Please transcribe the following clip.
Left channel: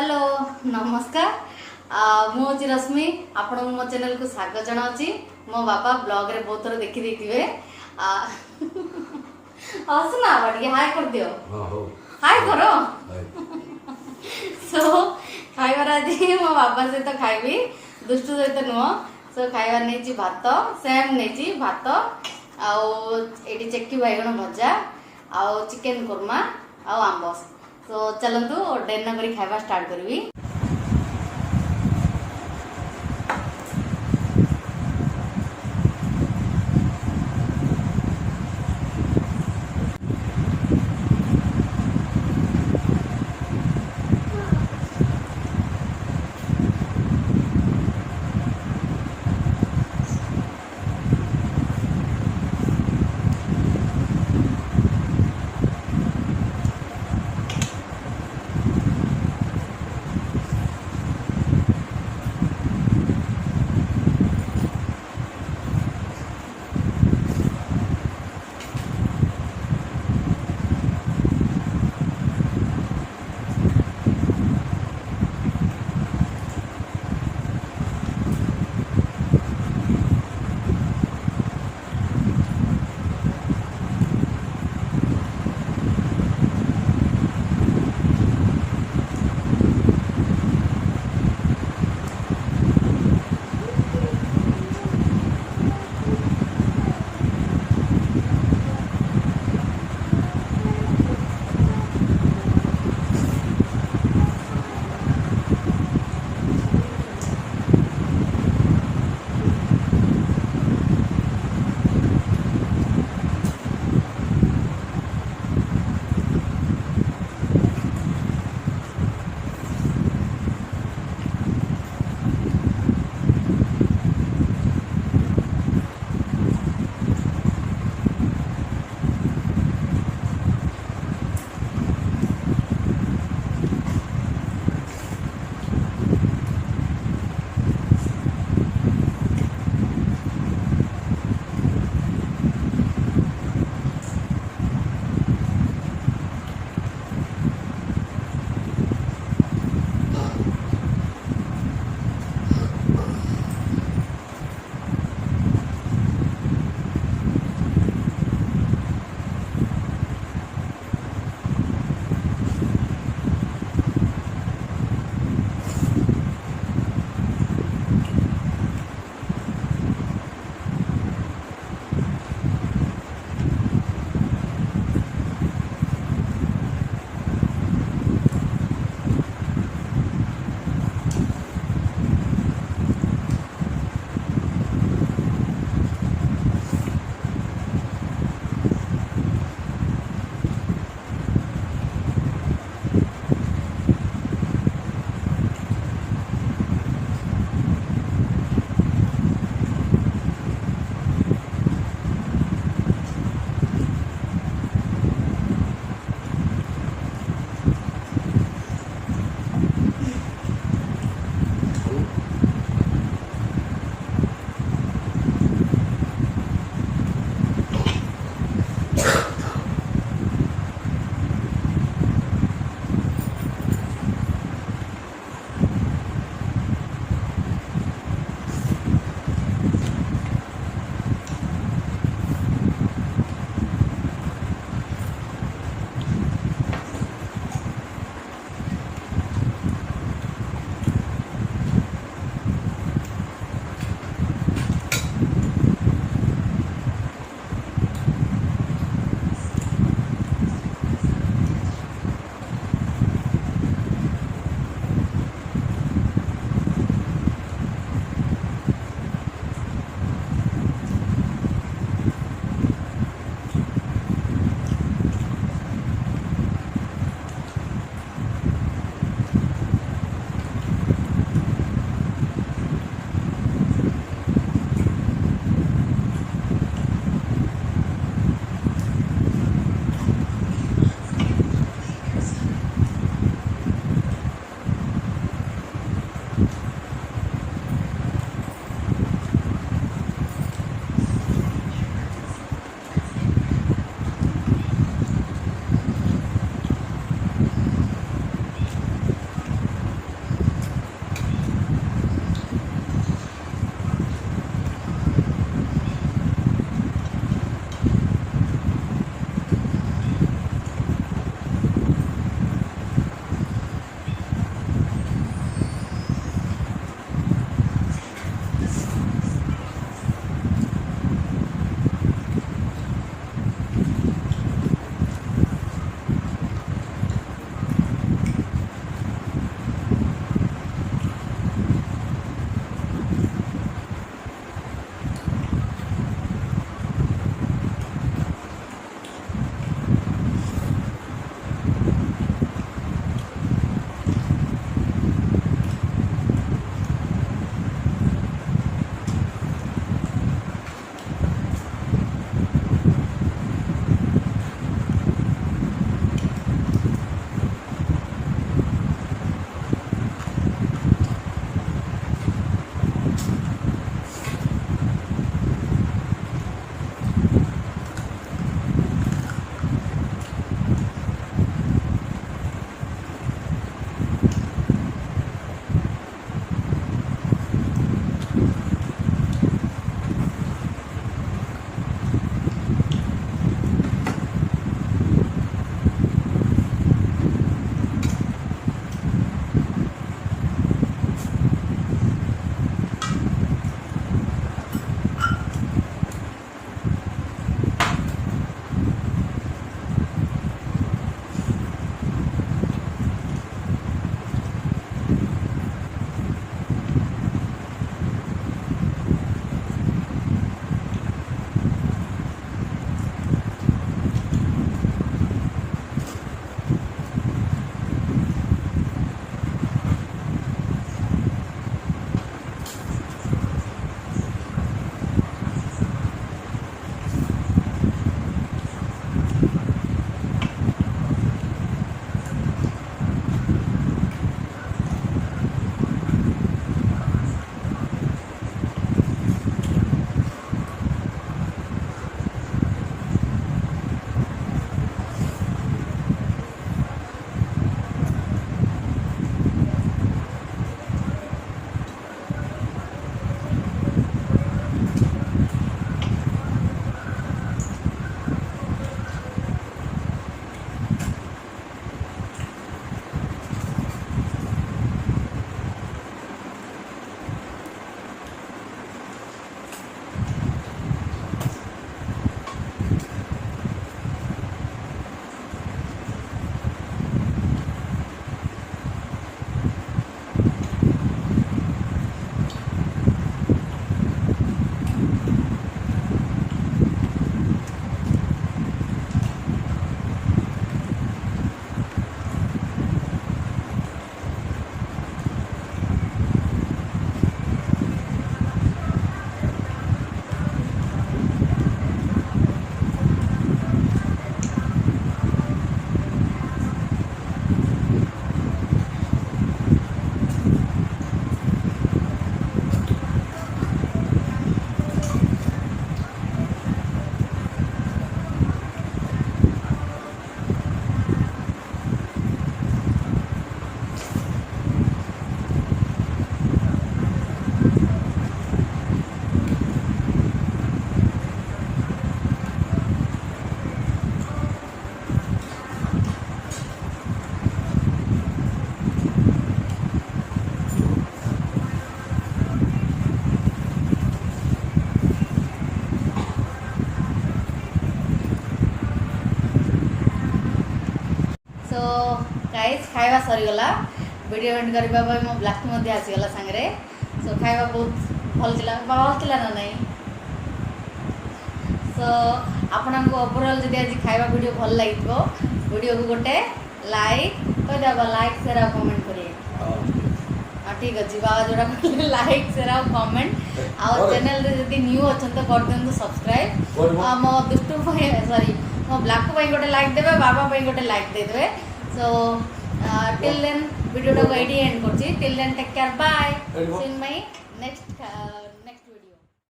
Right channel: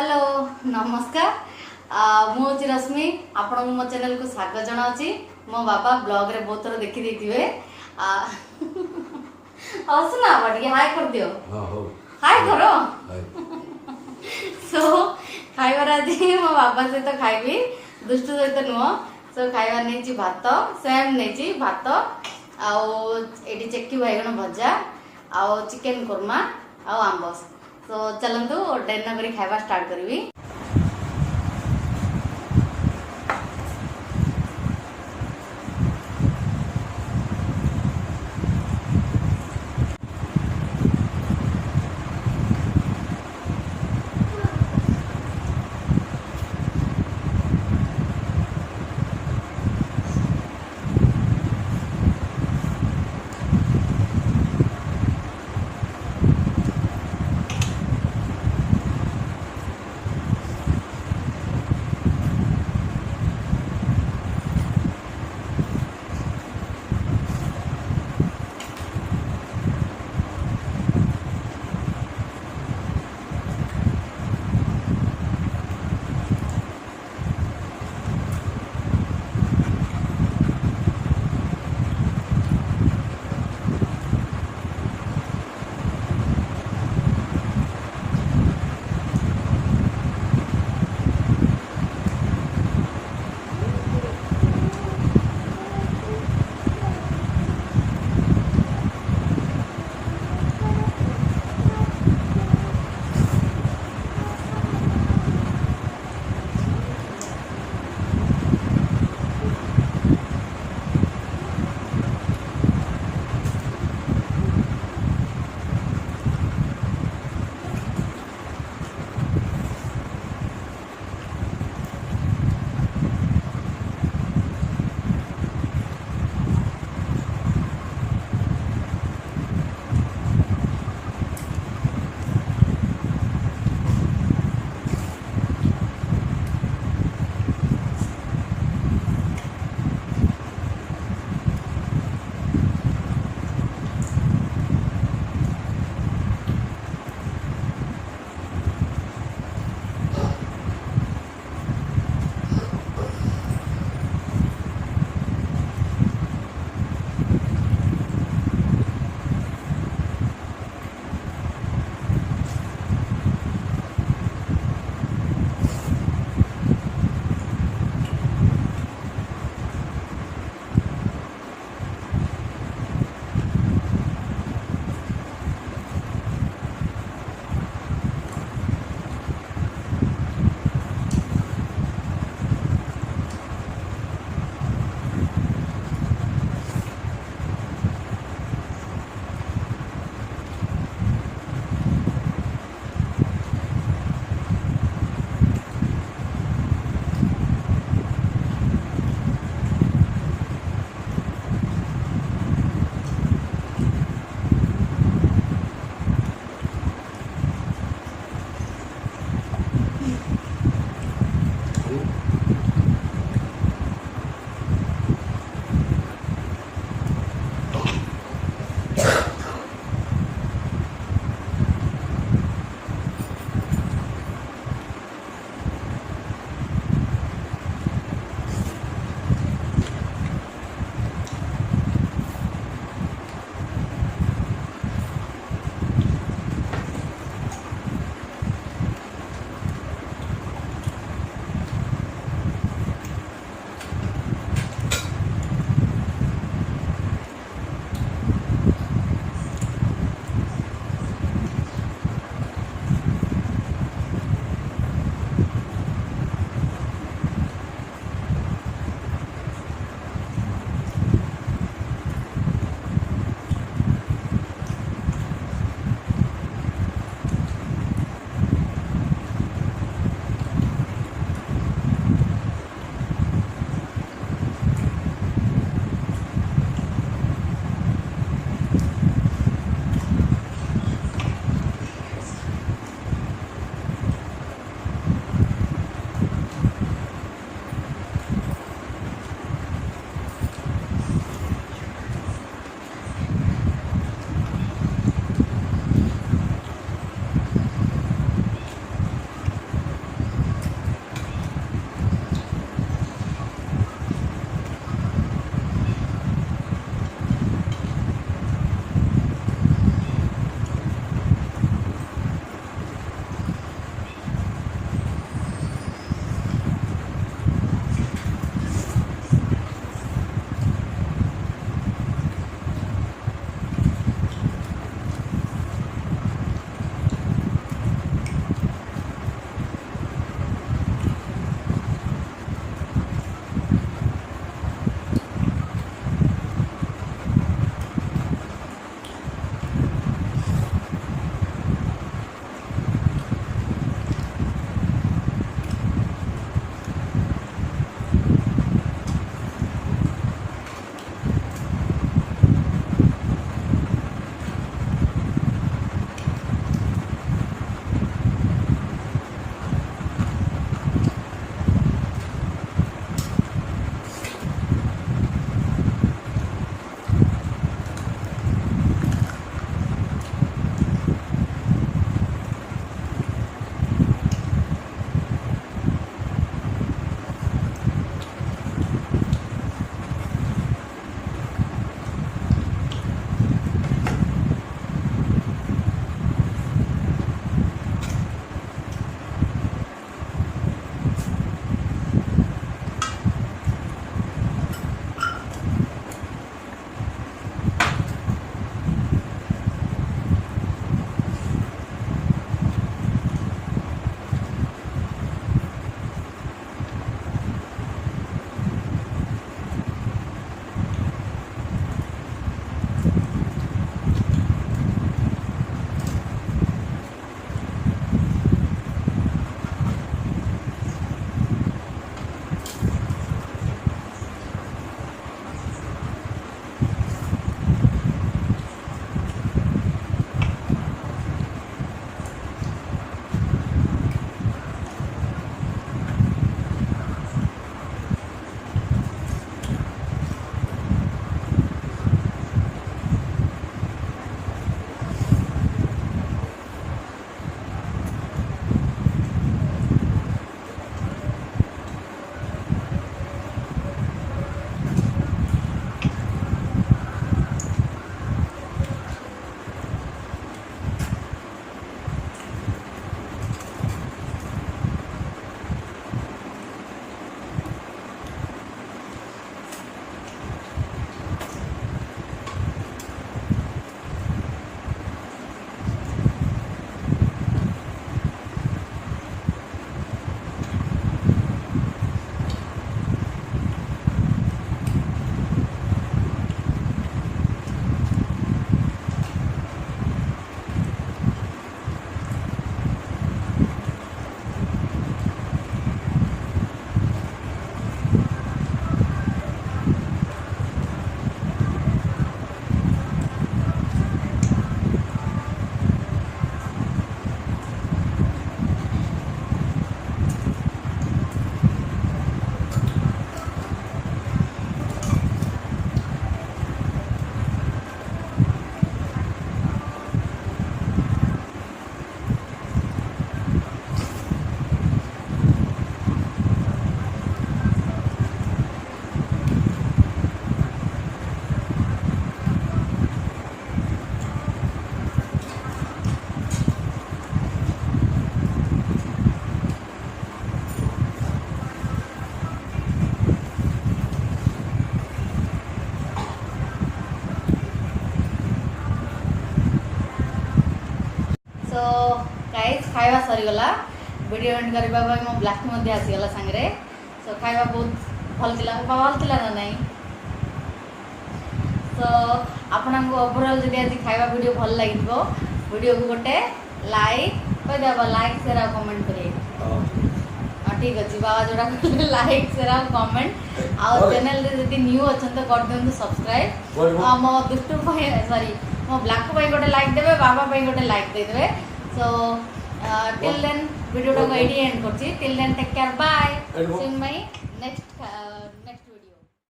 Hello नमस्कार मुझे रश्मि आपण मो चैनल को स्वागत जनावि मो बाबा ब्लॉग रे बहुत थर देखी देथिबे हसना बाटी हाय कर दियो हाय करो सो खाइबार आज मो बाबा सहित खाइबी दुष्टु सहित नुह सो खाइबार नहीं भात सेम नहीं भात आउ एटी चेक्की बैगण भजा आउ चिकेन कुर्मा आउ आंब तो चलतु डेर न करी खाइबा स्टार्ट करबी। गाइस खाଇବା ସରିଗଲା वीडियो एंड करबा भाई मो ब्लास्ट मध्ये आसीगला संगरे सो खाଇବା बहुत भल थिला ना नहीं सो आपन को ओवरऑल जदि आज खाଇବା वीडियो भल लागिबो वीडियो को गोटे लाइक कह देबा लाइक शेयर और कमेंट करिए ठीक अच्छे बाबा जोड़ा लाइक शेयर और कमेंट और चैनल रे जदि न्यू अछन तो कर देन सब्सक्राइब मो दुष्टु भाई सॉरी मो ब्लैक भाई गोटे लाइक देबे बाबा भाई गोटे लाइक दे देबे सो टिल देन वीडियो को एंड करछि till then take care bye see in my next